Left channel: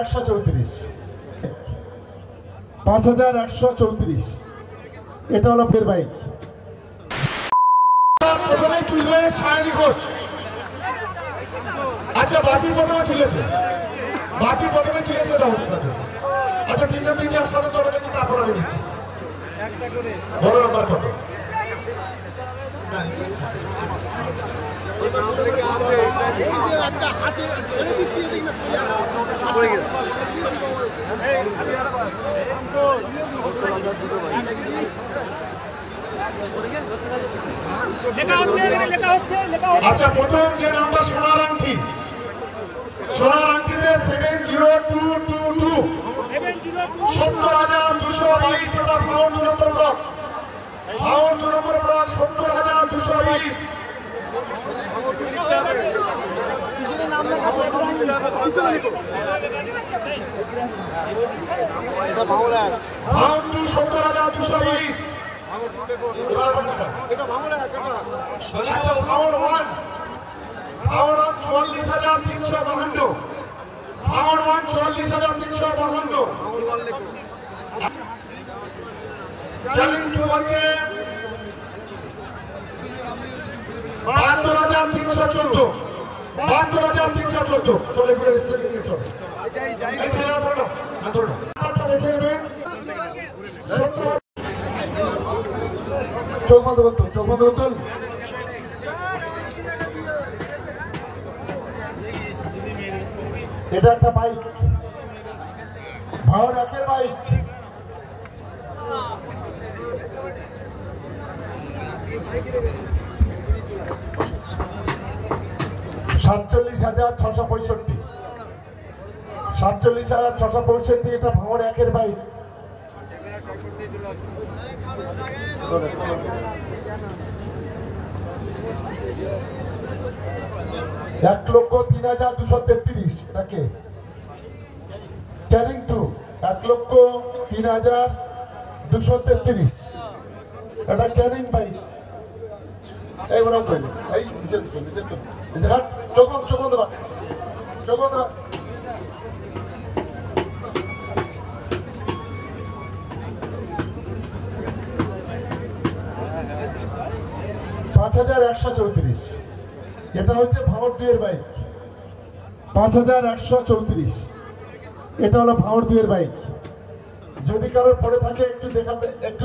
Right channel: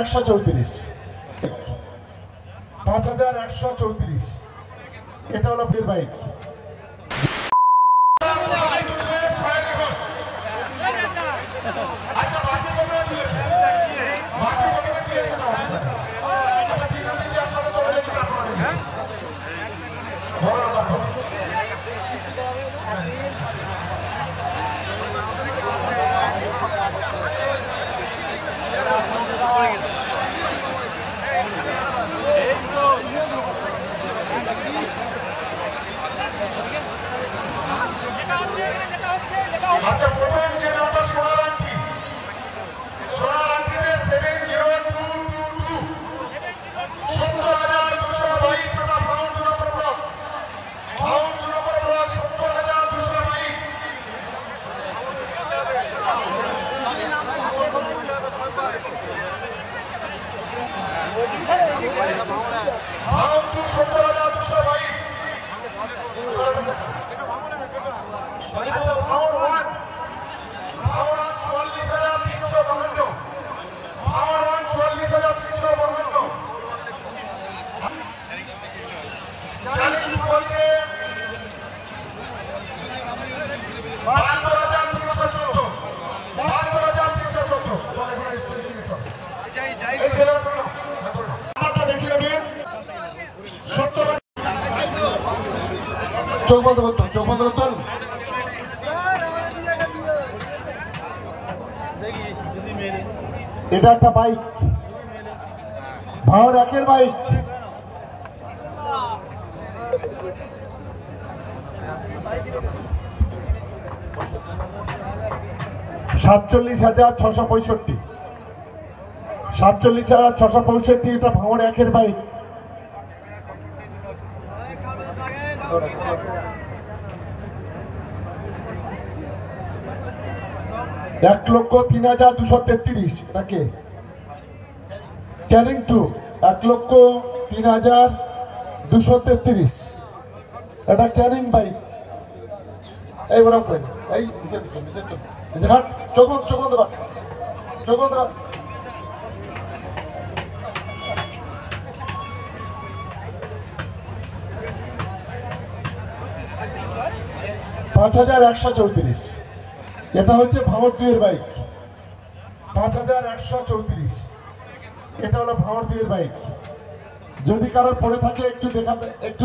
5134, 5134, এটা হলো ফের বাইক। আচ্ছা বাতিল প্রথমে তুলেছে, বাতিল প্রথমে তুলেছে। আচ্ছা তিনজন তিনজন সাথে চলে গেছি, তারপর আমি নিচ্ছি বড় নাম্বার। আচ্ছা প্রথম যে নামটা সোনার আংটি, সোনার আংটিতে 70222 70,222, এটা ফাউন্ড 2 নম্বর ব্লক, ফাউন্ড 2 নম্বর ব্লক 70,222। ফাউন্ড 70,222। আচ্ছা ফাউন্ড 1, ফাউন্ড 44,352, ফাউন্ড 44,352। চ্যালেঞ্জ 2 আছে 72,314, 72,314। চলে এগুলো স্টেজে নিয়ে চলো, এই ছেলে ধরো না, ধরো না, নাম্বারটা দেখে নেবেন। 70 চোখ বন্ধ করতো, চোখ বন্ধ করতো। এটা একটা বাইক, ভাওর একের বাইক। $47,665, 47,665, এটা ভাওর একের বাইক। $1,03,233, এটাকে ক্যারিং 2, $1,03,233, এটা ক্যারিং বাইক। এই বরাবর করে এই ঘাট, চোখ বন্ধ, চোখ বন্ধ কর, চোখ বন্ধ কর। 5,134, এটা হচ্ছে ভাওর 2 এর বাইক। 5,134, এটা হলো ভাওর 2 এর বাইক। যদি কারো পড়ে থাকে একটু দেখাবে, একটু